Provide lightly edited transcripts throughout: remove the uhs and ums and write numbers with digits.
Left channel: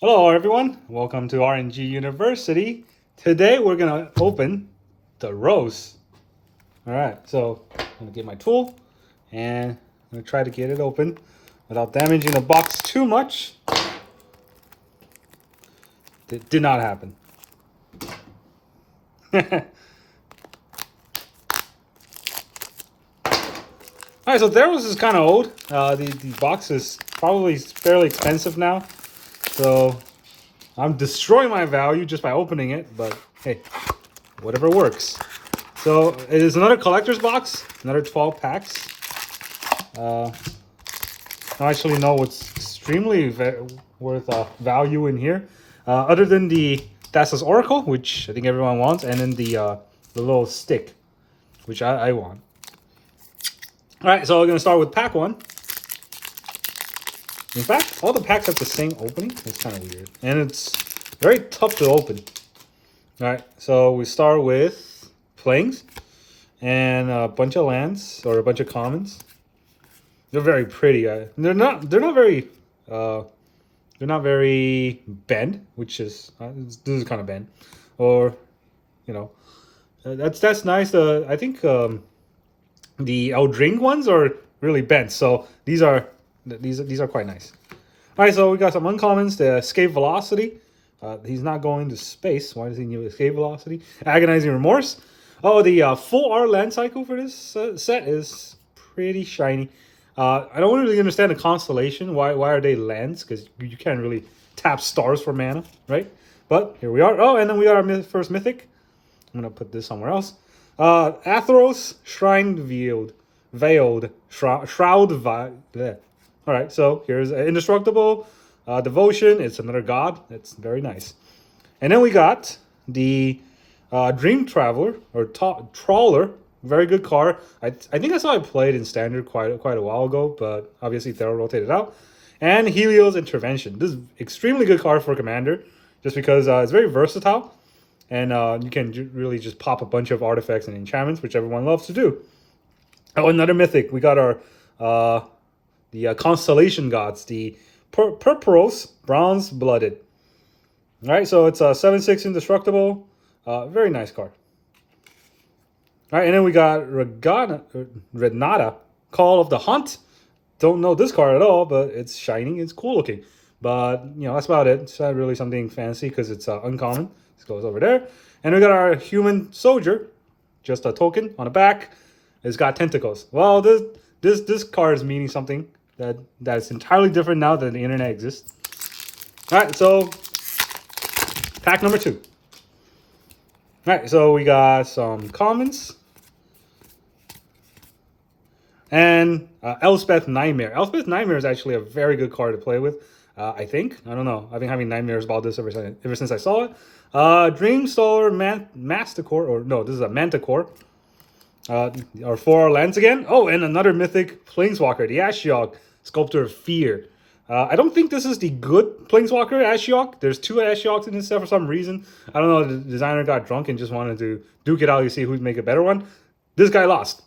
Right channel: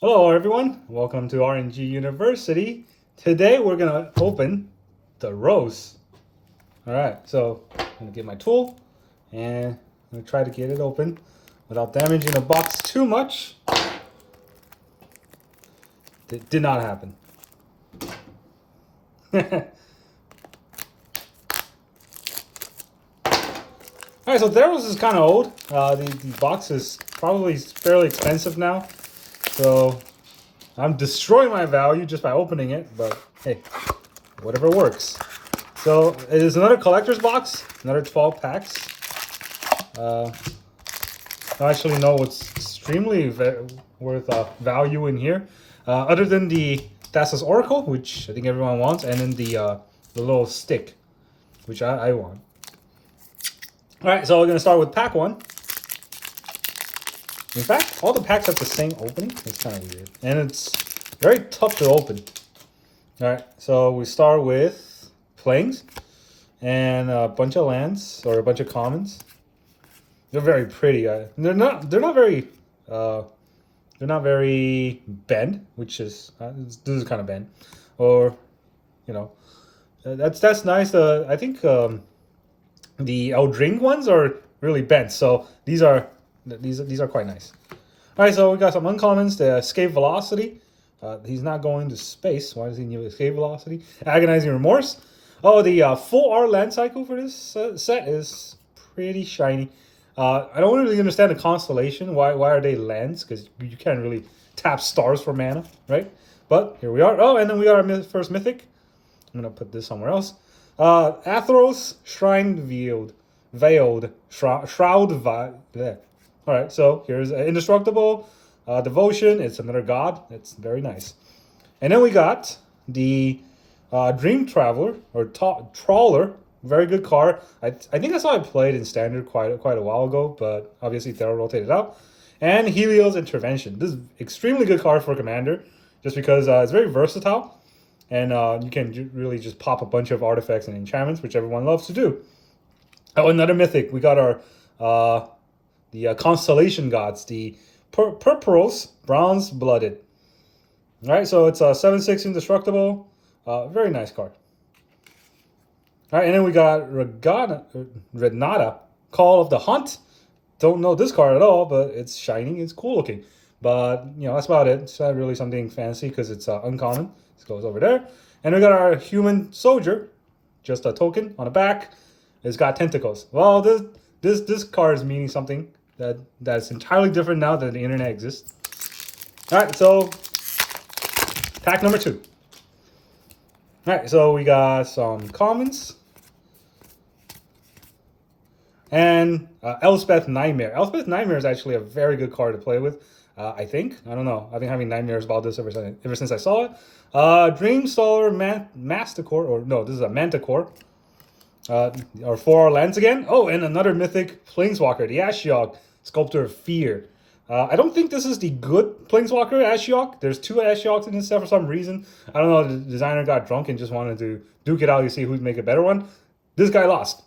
Hello, everyone. Welcome to RNG University. Today, we're going to open the rose. All right, so I'm going to get my tool and I'm going to try to get it open without damaging the box too much. It did not happen. All right, so Theros is kind of old. The box is probably fairly expensive now. So I'm destroying my value just by opening it, but hey, whatever works. So it is another collector's box, another 12 packs. I don't actually know what's extremely worth value in here, other than the Thassa's Oracle, which I think everyone wants, and then the little stick, which I want. All right, so we're gonna start with pack one. In fact, all the packs have the same opening. It's kind of weird, and it's very tough to open. All right, so we start with plains and a bunch of lands or a bunch of commons. They're very pretty. They're not very bend, which is this is kind of bend, or you know, that's nice. I think the Eldring ones are really bent, so these are quite nice. All right, so we got some uncommons. The escape velocity. He's not going to space. Why does he need escape velocity? Agonizing remorse. Oh, the full R land cycle for this set is pretty shiny. I don't really understand the constellation. Why are they lands? Because you can't really tap stars for mana, right? But here we are. Oh, and then we got our first mythic. I'm gonna put this somewhere else. Theros veiled shroud. All right, so here's indestructible devotion. It's another god. That's very nice. And then we got the Dream Traveler or Trawler. Very good card. I think that's how I played in Standard quite a while ago, but obviously Theros rotated out. And Helios Intervention. This is extremely good card for Commander, just because it's very versatile, and you can really just pop a bunch of artifacts and enchantments, which everyone loves to do. Oh, another mythic. We got our the constellation gods, the Purpuros Bronze Blooded. All right, so it's a 7/6 indestructible. Very nice card. All right, and then we got Renata, Call of the Hunt. Don't know this card at all, but it's shiny. It's cool looking. But, that's about it. It's not really something fancy because it's uncommon. This goes over there. And we got our Human Soldier, just a token on the back. It's got tentacles. Well, this card is meaning something that's entirely different now that the internet exists. All right, so pack number 2. All right, so we got some commons. And Elspeth Nightmare. Elspeth Nightmare is actually a very good card to play with, I think. I don't know. I've been having nightmares about this ever since I saw it. Dream Solar Masticore, or no, this is a Manticore. Our 4 lands again. Oh, and another mythic Planeswalker, the Ashiok, Sculptor of Fear. I don't think this is the good Planeswalker Ashiok. There's 2 Ashioks in this set for some reason. I don't know, the designer got drunk and just wanted to duke it out to see who'd make a better one. This guy lost.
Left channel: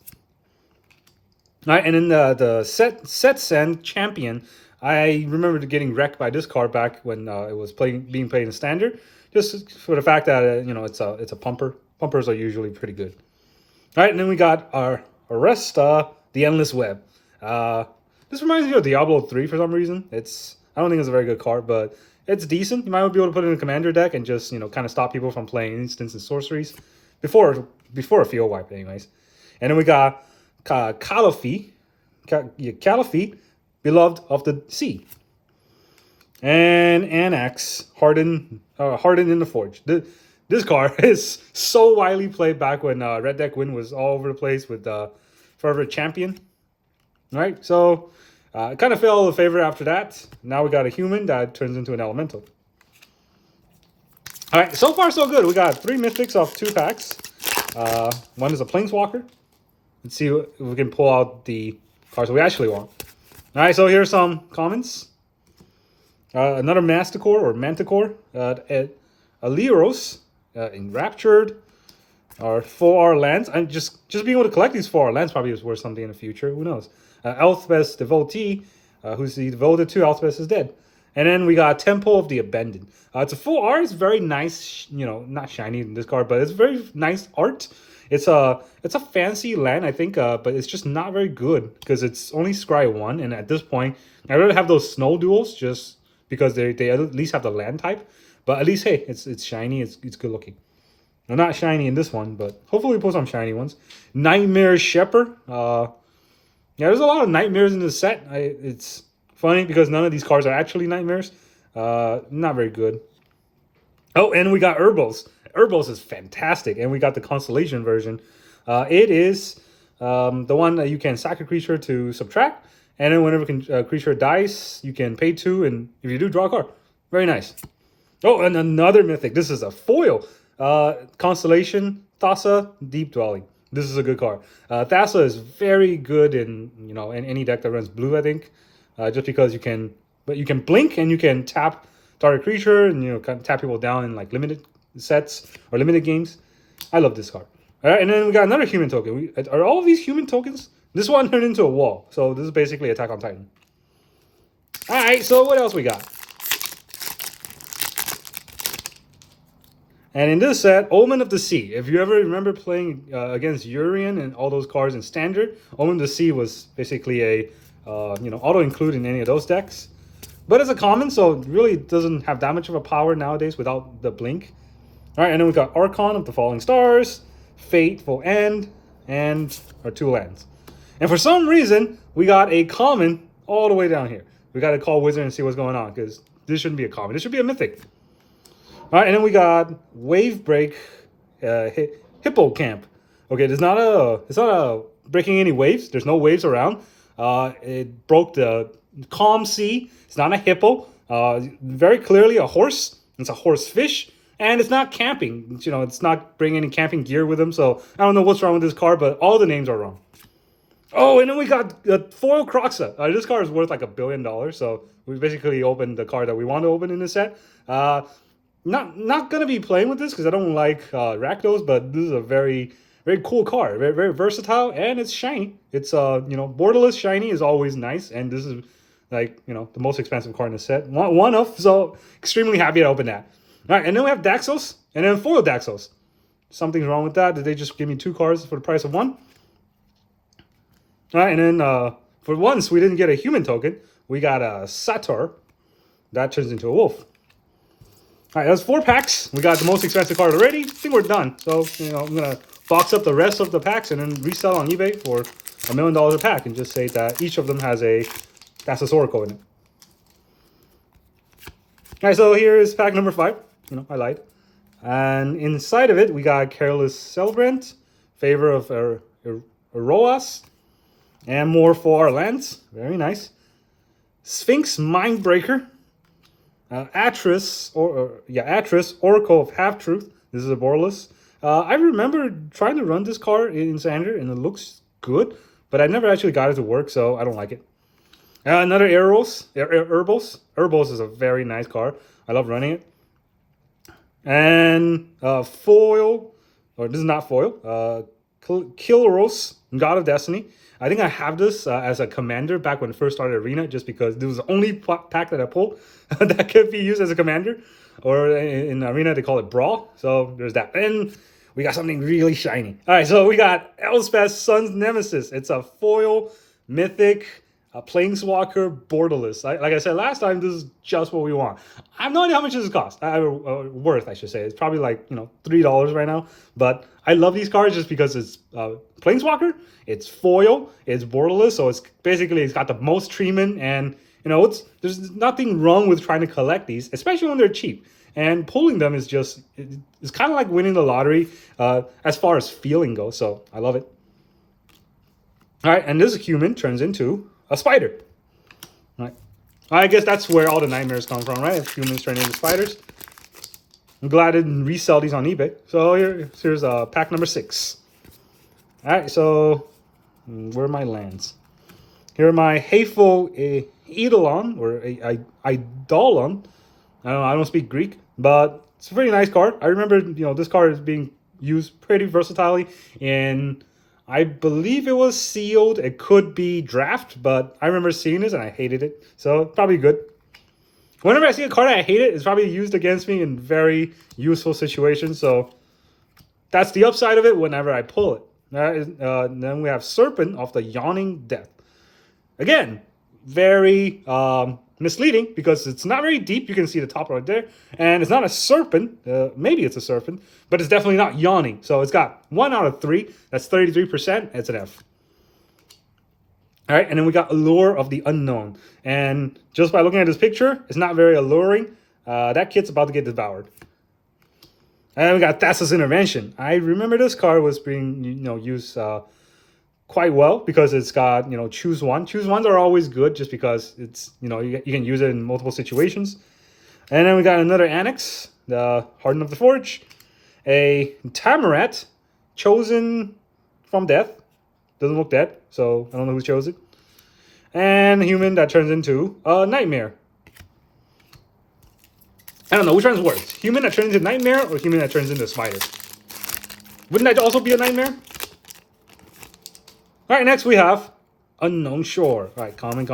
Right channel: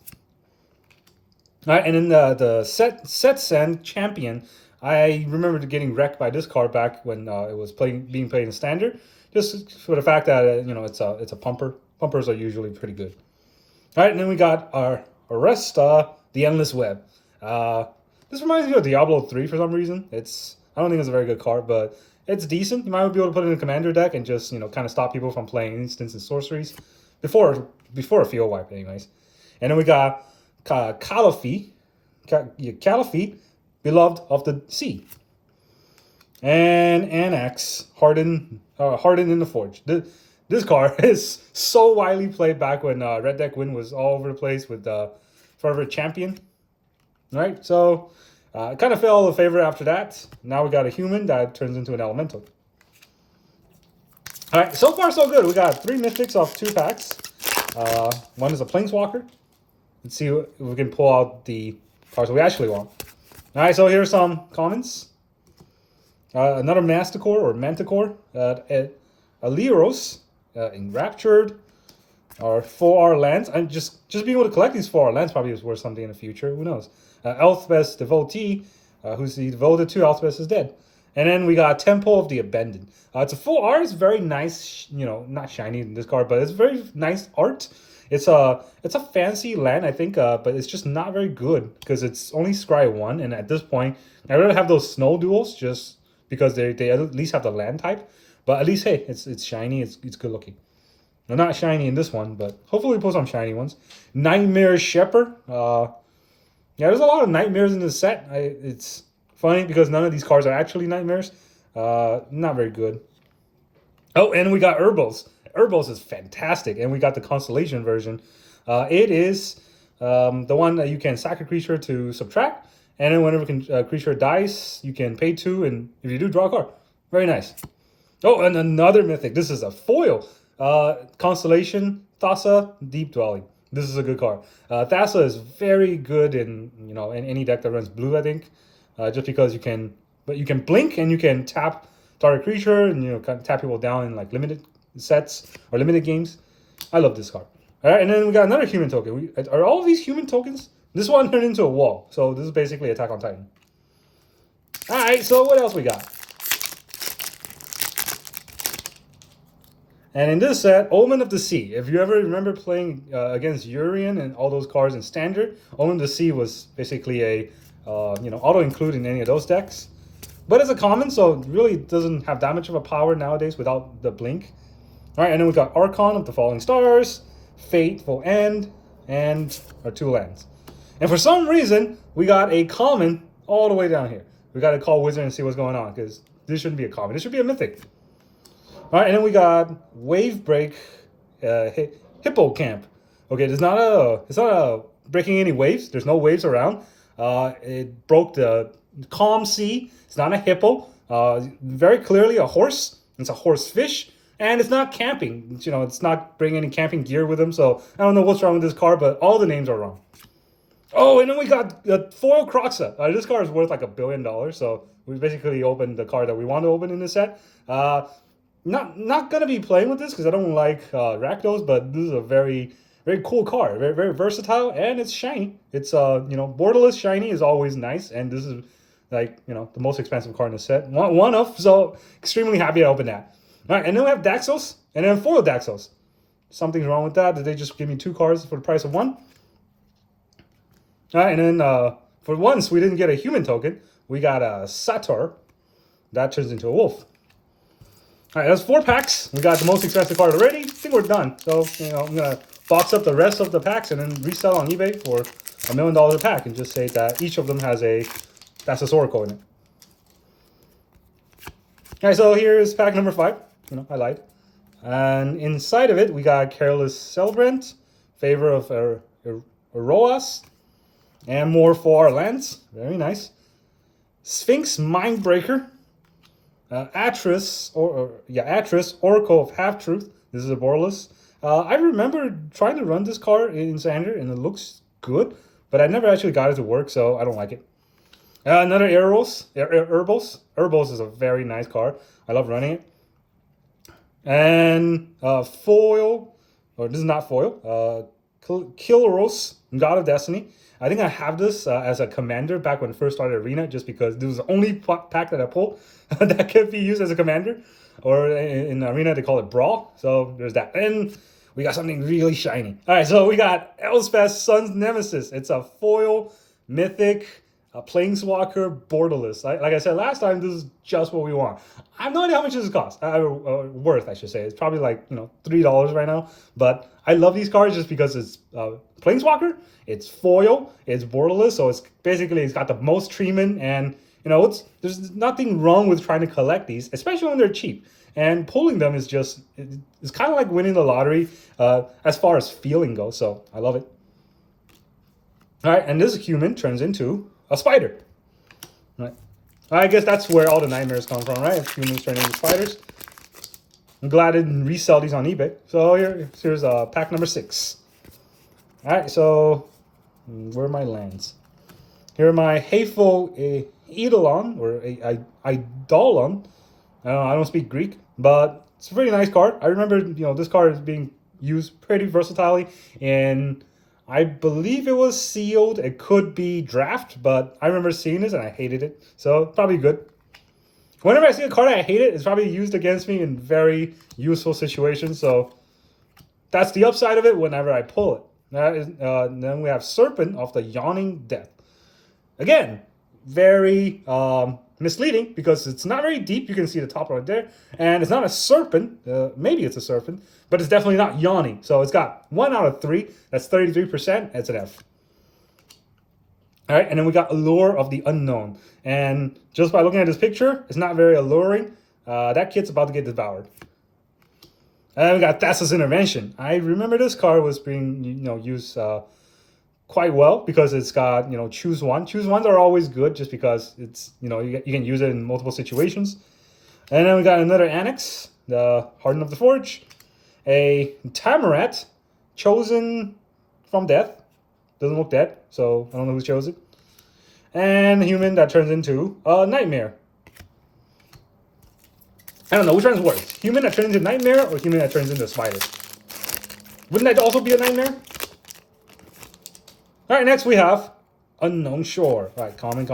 All right, and then the Set Send Champion, I remember getting wrecked by this card back when it was being played in Standard, just for the fact that it's a pumper. Pumpers are usually pretty good. All right, and then we got our rest, the Endless Web. This reminds me of Diablo 3 for some reason. I don't think it's a very good card, but it's decent. You might be able to put it in a commander deck and just kind of stop people from playing instants and sorceries before a field wipe, anyways. And then we got Caliphate, Beloved of the Sea, and Anax, Hardened in the Forge. This card is so widely played back when Red Deck Win was all over the place with Forever Champion. All right, so it kind of fell out of favor after that. Now we got a human that turns into an elemental. All right, so far so good. We got 3 mythics off 2 packs. One is a Planeswalker. Let's see if we can pull out the cards we actually want. All right, so here's some commons. Another Masticore or Manticore. Aliros, Enraptured, or 4R lands. And just being able to collect these 4R lands probably is worth something in the future. Who knows? Elspeth's Devotee, who's the devoted to Elspeth, is dead. And then we got Temple of the Abandoned. It's a full art. It's very nice, not shiny in this card, but it's very nice art. It's a fancy land, I think, but it's just not very good because it's only Scry 1, and at this point, I rather have those snow duels just because they at least have the land type. But at least, hey, it's shiny, it's good looking. Well, not shiny in this one, but hopefully we pull some shiny ones. Nightmare Shepherd. Yeah, there's a lot of nightmares in this set. It's funny because none of these cards are actually nightmares. Not very good. Oh, and we got Urbos. Urbos is fantastic, and we got the Constellation version. It is the one that you can sack a creature to subtract, and then whenever a creature dies, you can pay 2, and if you do, draw a card. Very nice. Oh, and another mythic. This is a foil. Constellation, Thassa, Deep Dwelling. This is a good card. Thassa is very good in in any deck that runs blue, I think. Just because you can blink and you can tap target creature and kind of tap people down in like limited sets or limited games. I love this card. All right, and then we got another human token. Are all of these human tokens? This one turned into a wall, so this is basically Attack on Titan. All right, so what else we got? And in this set, Omen of the Sea. If you ever remember playing against Urian and all those cards in Standard, Omen of the Sea was basically a auto-include in any of those decks. But it's a common, so it really doesn't have that much of a power nowadays without the blink. All right, and then we got Archon of the Falling Stars, Fateful End, and our 2 lands. And for some reason, we got a common all the way down here. We got to call Wizard and see what's going on, because this shouldn't be a common. This should be a mythic. All right, and then we got Wave Break, Hippo Camp. Okay, it's not a breaking any waves. There's no waves around. It broke the calm sea. It's not a hippo. Very clearly a horse. It's a horse fish, and it's not camping. It's not bringing any camping gear with them. So I don't know what's wrong with this card, but all the names are wrong. Oh, and then we got the foil Croxa. This card is worth like $1 billion. So we basically opened the card that we want to open in this set. Not gonna be playing with this because I don't like Rakdos, but this is a very cool card, very, very versatile, and it's shiny. It's borderless shiny is always nice, and this is like the most expensive card in the set. One of, so extremely happy to open that. All right, and then we have Daxos, and then foil Daxos. Something's wrong with that. Did they just give me 2 cards for the price of 1? All right, and then for once we didn't get a human token. We got a Sator. That turns into a wolf. All right, that's 4 packs. We got the most expensive card already. I think we're done. So, I'm going to box up the rest of the packs and then resell on eBay for $1 million a pack and just say that each of them has a Thassa's Oracle in it. All right, so here is pack number 5. I lied. And inside of it, we got Careless Celebrant, Favor of Eroas, and more for our lands. Very nice. Sphinx Mindbreaker. Atris, Oracle of Half-Truth. This is a borderless. I remember trying to run this card in Standard, and it looks good, but I never actually got it to work, so I don't like it. Another Herbos. Herbos is a very nice card. I love running it. And foil, or this is not foil, Kilros, God of Destiny. I think I have this as a commander back when I first started Arena, just because this was the only pack that I pulled that could be used as a commander. Or in Arena, they call it Brawl. So there's that. And we got something really shiny. All right, so we got Elspeth's Son's Nemesis. It's a foil, mythic, a planeswalker, borderless. Like I said last time, this is just what we want. I have no idea how much this costs. Worth, I should say. It's probably like $3 right now. But I love these cards just because it's planeswalker, it's foil, it's borderless, so it's got the most treatment, and there's nothing wrong with trying to collect these, especially when they're cheap. And pulling them is just it's kind of like winning the lottery as far as feeling goes. So I love it. All right, and this human turns into a spider. All right. I guess that's where all the nightmares come from, right? Humans turn into spiders. I'm glad I didn't resell these on eBay. So here's pack number 6. All right, so where are my lands? Here are my Hateful Eidolon, or Eidolon. I don't speak Greek, but it's a pretty nice card. I remember, this card is being used pretty versatilely, and I believe it was sealed. It could be draft, but I remember seeing this and I hated it. So probably good. Whenever I see a card I hate it's probably used against me in very useful situations. So that's the upside of it whenever I pull it. Then we have Serpent of the Yawning Death. Again, very misleading because it's not very deep. You can see the top right there. And it's not a serpent. Maybe it's a serpent, but it's definitely not yawning. So it's got 1 out of 3. That's 33%. It's an F. All right, and then we got Allure of the Unknown. And just by looking at this picture, it's not very alluring. That kid's about to get devoured. And we got Theros Intervention. I remember this card was being used quite well because it's got choose one. Choose ones are always good just because it's you can use it in multiple situations. And then we got another Annex, the Harden of the Forge, a Tamarat, chosen from death. Doesn't look dead, so I don't know who chose it. And a human that turns into a Nightmare. I don't know which one's worse. Human that turns into Nightmare or human that turns into a Spider? Wouldn't that also be a Nightmare? Alright, next we have Unknown Shore. Alright, common.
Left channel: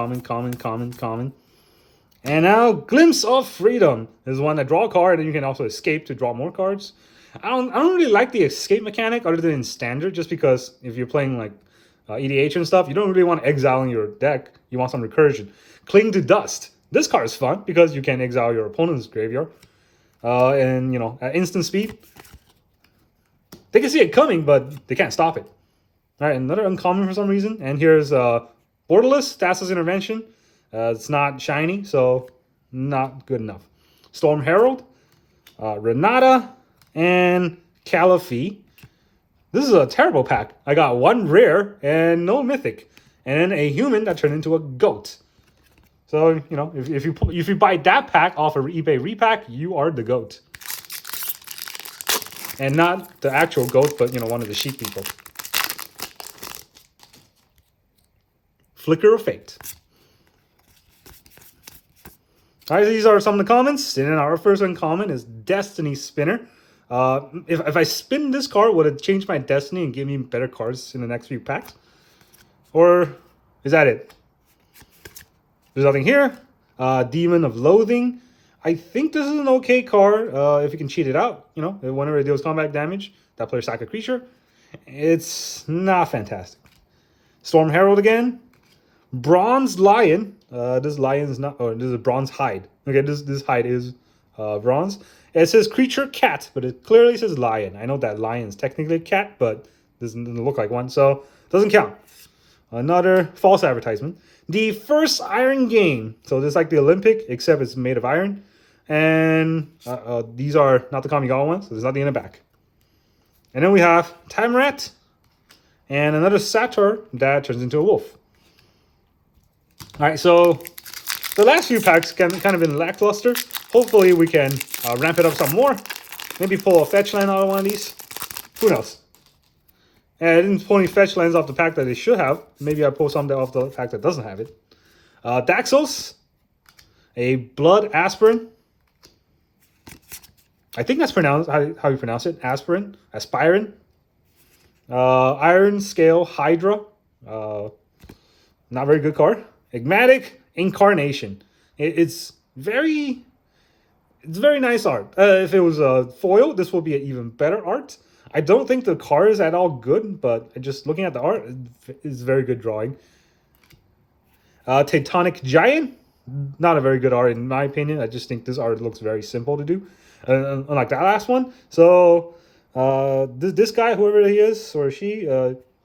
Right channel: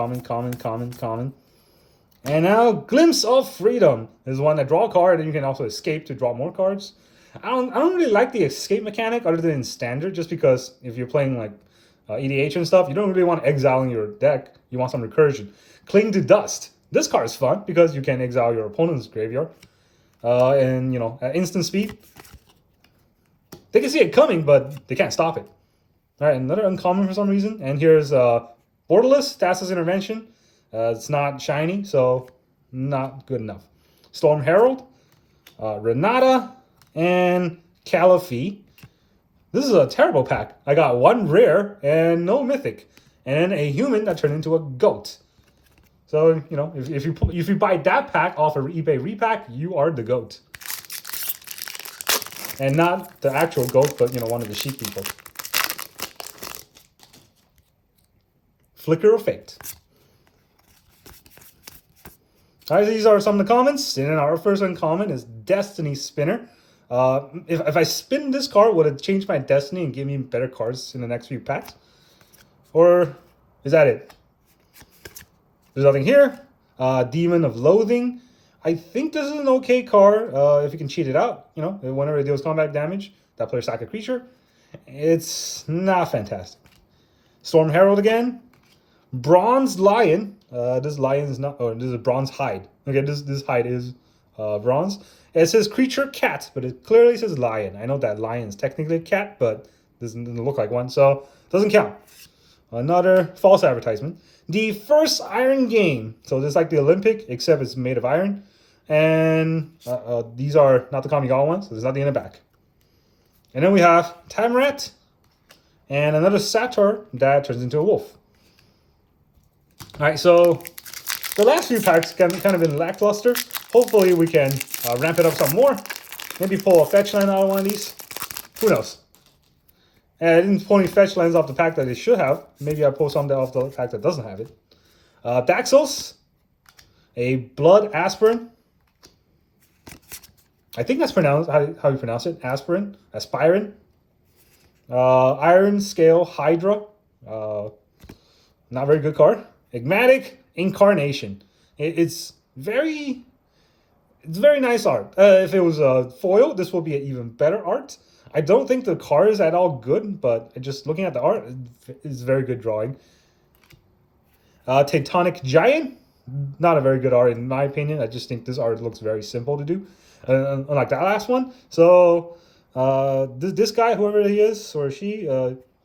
And now Glimpse of Freedom. This is one that draw a card and you can also escape to draw more cards. I don't really like the escape mechanic other than in standard, just because if you're playing like EDH and stuff, you don't really want exiling your deck. You want some recursion. Cling to Dust. This card is fun because you can exile your opponent's graveyard. And at instant speed. They can see it coming, but they can't stop it. Alright, another uncommon for some reason. And here's Borderless, Theros Intervention. It's not shiny, so not good enough. Storm Herald, Renata, and Caliphie. This is a terrible pack. I got 1 rare and no mythic. And a human that turned into a goat. So, if you buy that pack off of eBay repack, you are the goat. And not the actual goat, but one of the sheep people. Flicker of Fate. Alright, these are some of the comments. And then our first uncommon is Destiny Spinner. If I spin this card, would it change my destiny and give me better cards in the next few packs? Or is that it? There's nothing here. Demon of Loathing. I think this is an okay card if you can cheat it out. Whenever it deals combat damage, that player sack a creature. It's not fantastic. Storm Herald again. Bronze Lion. This lion is not. Oh, this is a bronze hide. Okay, this hide is bronze. It says creature cat, but it clearly says lion. I know that lion is technically a cat, but doesn't look like one, so doesn't count. Another false advertisement. The first Iron Game. So this is like the Olympic, except it's made of iron. And these are not the Kamigawa ones, so there's nothing in the back. And then we have Tamarat and another Satyr that turns into a wolf. All right, so the last few packs kind of been lackluster. Hopefully we can ramp it up some more. Maybe pull a fetch land out of one of these. Who knows? And I didn't pull any fetch lands off the pack that they should have. Maybe I pull something off the pack that doesn't have it. Daxos. A Blood Aspirin. I think that's pronounced how you pronounce it. Aspirin. Aspirin. Iron Scale Hydra. Not very good card. Enigmatic Incarnation. It's very nice art. If it was a foil, this would be an even better art. I don't think the card is at all good, but just looking at the art, it's very good drawing. Tectonic Giant. Not a very good art in my opinion. I just think this art looks very simple to do. Unlike that last one. So this guy, whoever he is or she,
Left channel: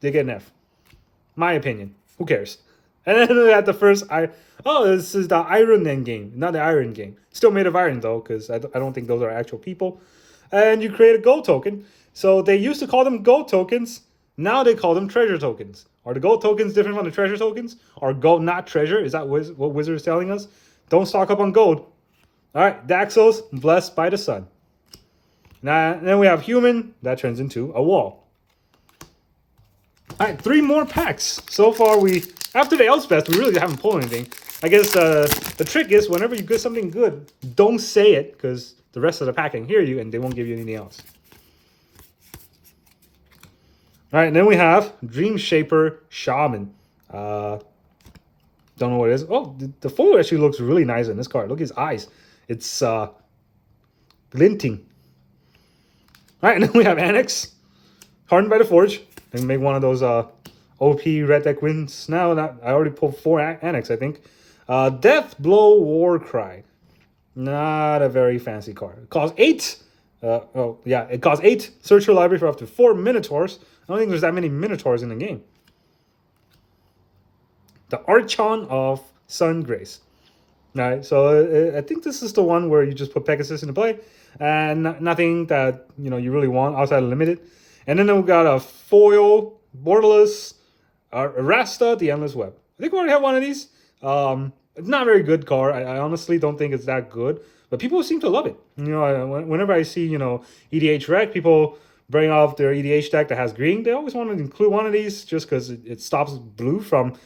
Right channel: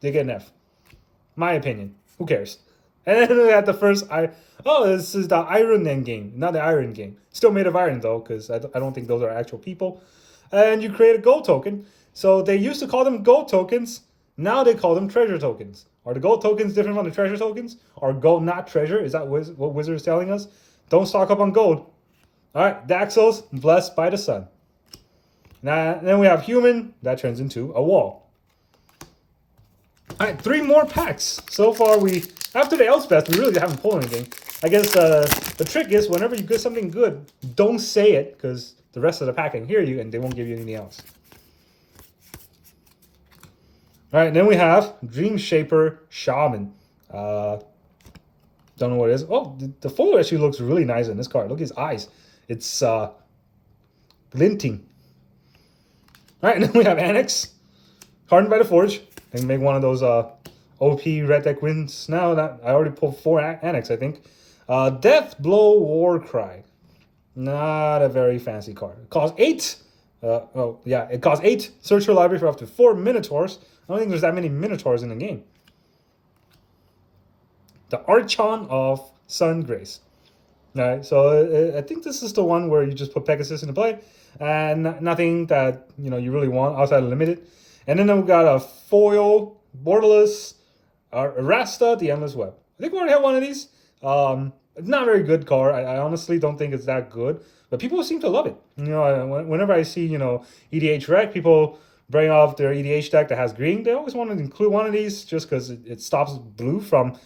they get an F. My opinion. Who cares? And then we had the first this is the Iron Man game, not the Iron game. Still made of iron though, because I don't think those are actual people. And you create a gold token. So they used to call them gold tokens. Now they call them treasure tokens. Are the gold tokens different from the treasure tokens? Or gold not treasure? Is that what Wizard is telling us? Don't stock up on gold. All right, Daxos, Blessed by the Sun. Now, then we have Human. That turns into a wall. All right, 3 more packs. So far, after the Elspeth, we really haven't pulled anything. I guess the trick is whenever you get something good, don't say it because the rest of the pack can hear you and they won't give you anything else. All right, then we have Dream Shaper Shaman. Don't know what it is. Oh, the foil actually looks really nice in this card. Look at his eyes. It's glinting. All right, and then we have Annex, Hardened by the Forge. And make one of those OP red deck wins. Now, I already pulled 4 Annex, I think. Death Blow War Cry. Not a very fancy card. It costs 8. It costs 8. Search your library for up to 4 Minotaurs. I don't think there's that many Minotaurs in the game. The Archon of Sun Grace. Alright, so I think this is the one where you just put Pegasus into play, and nothing that you really want outside of limited. And then we've got a foil, Borderless, Arasta, the Endless Web. I think we already have one of these. It's not a very good card. I honestly don't think it's that good, but people seem to love it. Whenever I see EDH Rec, people bring off their EDH deck that has green. They always want to include one of these just because it stops blue from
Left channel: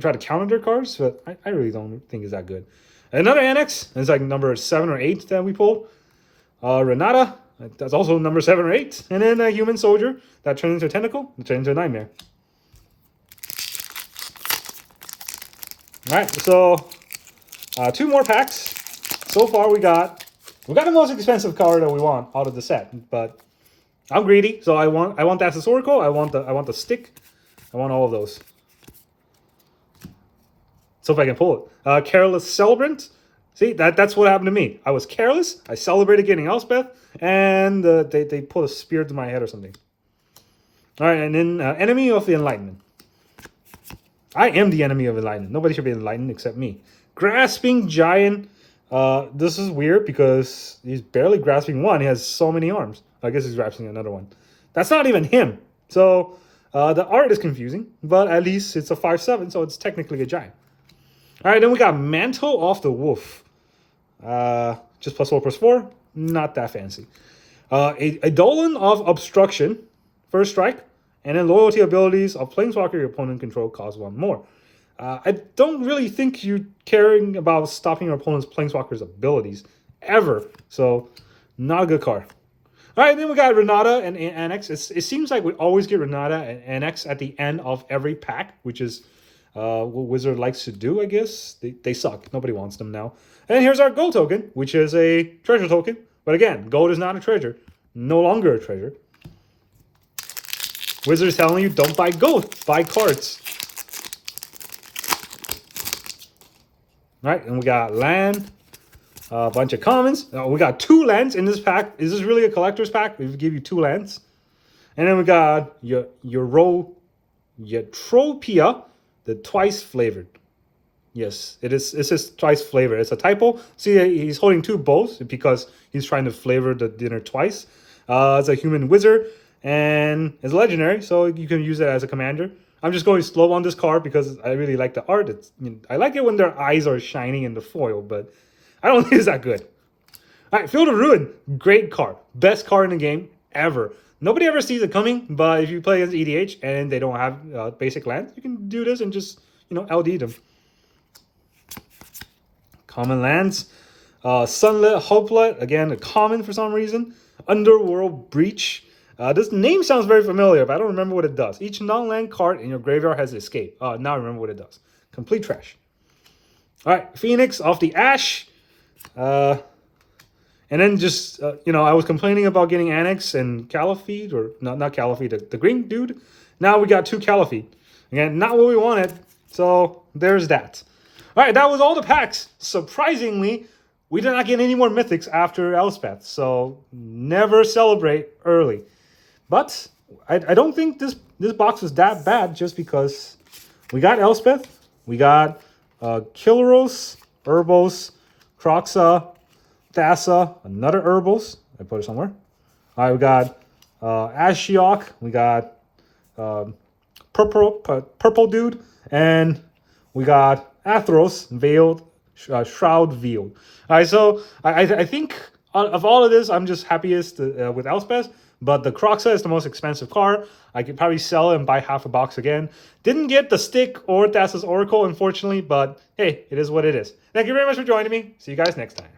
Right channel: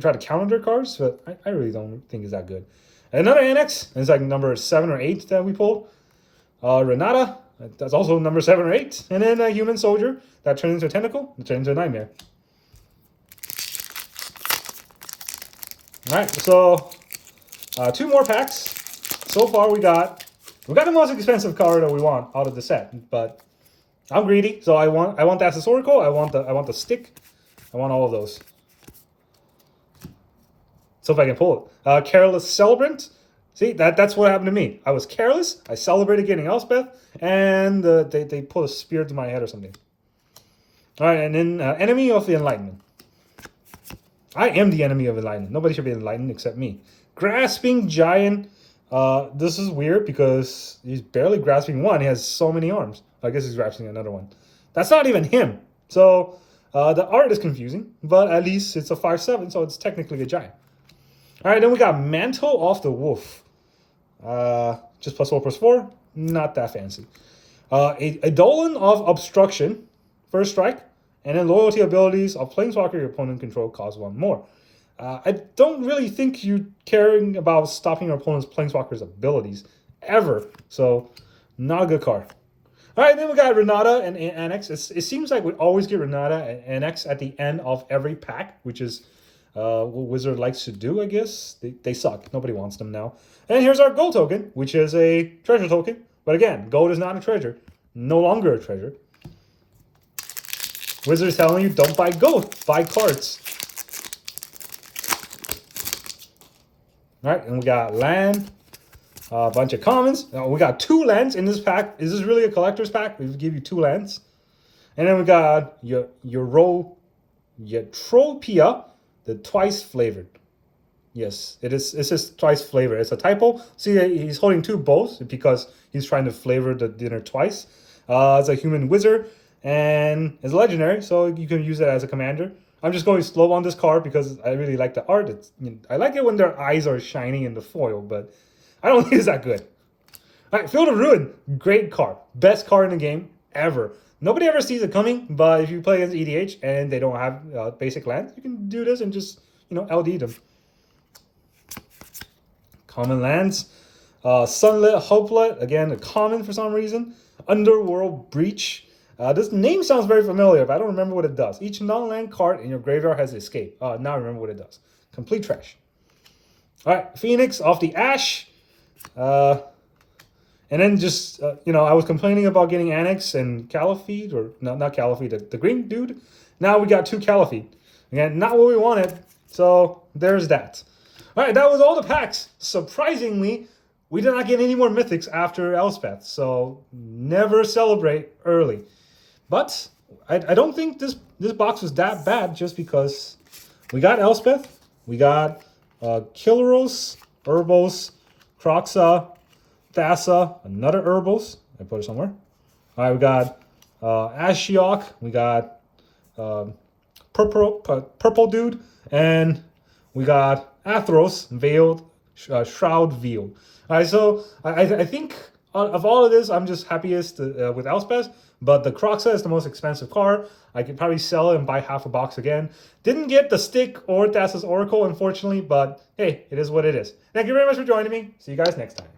try to counter their cards. But I really don't think it's that good. Another Annex. It's like number 7 or 8 that we pulled. Renata. That's also number 7 or 8. And then a Human Soldier that turns into a Tentacle and turns into a Nightmare. Alright, so 2 more packs. So far we got the most expensive card that we want out of the set, but I'm greedy, so I want Thassa's Oracle, I want the stick, I want all of those. So if I can pull it. Careless Celebrant. See, that's what happened to me. I was careless, I celebrated getting Elspeth, and they put a spear to my head or something. Alright, and then Enemy of the Enlightenment. I am the enemy of enlightenment. Nobody should be enlightened except me. Grasping Giant. This is weird because he's barely grasping one. He has so many arms. I guess he's grasping another one. That's not even him. So the art is confusing, but at least it's a 5/7, so it's technically a giant. All right, then we got Mantle of the Wolf. Just +4/+4. Not that fancy. A Dolan of Obstruction. First strike. And then loyalty abilities of Planeswalker your opponent control cost 1 more. I don't really think you're caring about stopping your opponent's Planeswalker's abilities ever. So, not a good card. All right, then we got Renata and Annex. It seems like we always get Renata and Annex at the end of every pack, which is what Wizard likes to do, I guess. They suck. Nobody wants them now. And here's our gold token, which is a treasure token. But again, gold is not a treasure. No longer a treasure. Wizards telling you, don't buy gold, buy cards. All right, and we got land, a bunch of commons. We got 2 lands in this pack. Is this really a collector's pack? We give you 2 lands. And then we got Eutropia, the twice flavored. Yes, it is. It says twice flavored. It's a typo. See, he's holding 2 bowls because he's trying to flavor the dinner twice. It's a human wizard. And it's legendary, so you can use it as a commander. I'm just going slow on this card because I really like the art. I like it when their eyes are shining in the foil, but I don't think it's that good. All right, Field of Ruin, great card. Best card in the game ever. Nobody ever sees it coming, but if you play against EDH and they don't have basic lands, you can do this and just, LD them. Common lands. Sunlit Hopelet, again, a common for some reason. Underworld Breach. This name sounds very familiar, but I don't remember what it does. Each non-land card in your graveyard has escape. Now I remember what it does. Complete trash. All right, Phoenix of the Ash. And then just, I was complaining about getting Annex and Caliphate, or not Caliphate, the green dude. Now we got 2 Caliphate. Again, not what we wanted. So there's that. All right, that was all the packs. Surprisingly, we did not get any more mythics after Elspeth. So never celebrate early. But I don't think this box was that bad just because we got Elspeth, we got Kilros, Urbos, Kroxa, Thassa, another Urbos. I put it somewhere. All right, we got Ashiok, we got Purple Dude, and we got Athros, Veiled, Shroud Veiled. All right, so I think of all of this, I'm just happiest with Elspeth. But the Kroxa is the most expensive card. I could probably sell it and buy half a box again. Didn't get the stick or Thassa's Oracle, unfortunately, but hey, it is what it is. Thank you very much for joining me. See you guys next time.